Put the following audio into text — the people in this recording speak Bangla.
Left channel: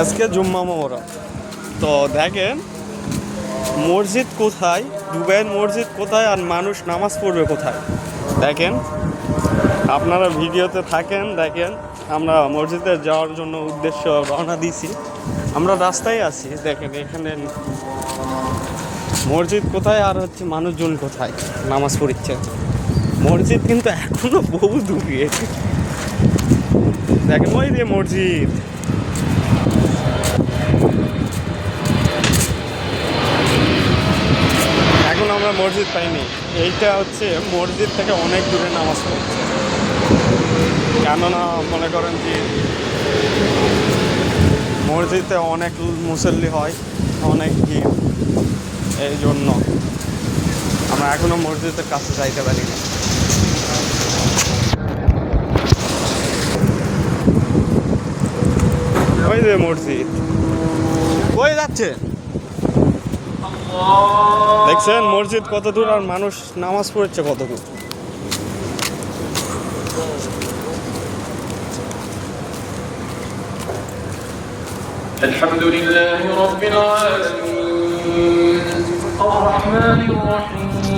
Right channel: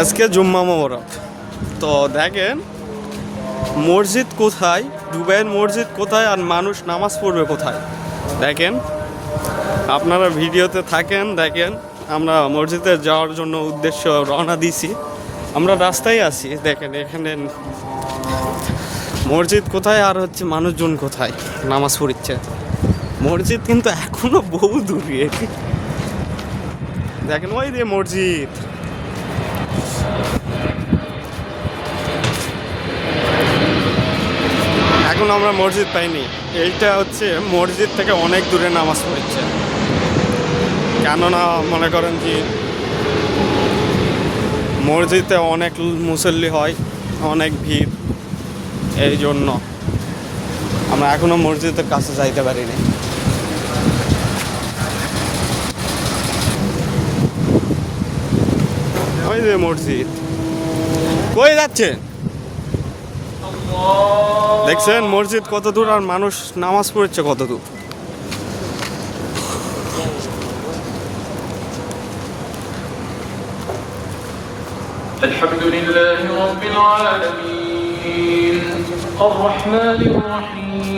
আজকে জুম্মা মোবারক। তো দেখেন মসজিদ কোথায়, দুবাইয়ের মসজিদ কোথায় আর মানুষ নামাজ পড়বে কোথায়। দেখেন আপনারা ভিডিওতে থাকেন, দেখেন আমরা মসজিদে যাওয়ার জন্য উদ্দেশ্য রওনা দিছি। আমরা রাস্তায় আছি, দেখেন এখানে মসজিদ কোথায় আর হচ্ছে মানুষজন কোথায় নামাজ পড়ছে। মসজিদ কিন্তু এখনো বহু দূরে, দেখেন ওই যে মসজিদ। এখন আমরা মসজিদ পাইনি, এইটা হচ্ছে মসজিদ থেকে অনেক দূরে নামাজ পড়ছে। কেননা মনে করেন যে মসজিদে অনেক মুসল্লি হয়, অনেক ভিড়, এই জন্য আমরা এখনো মসজিদের কাছে যাইতে পারিনি। ওই যে মসজিদ, কই যাচ্ছে দেখছেন মসজিদ কত দূর আর মানুষ নামাজ পড়ছে কত দূর। الحمد لله رب العالمين الرحمن الرحيم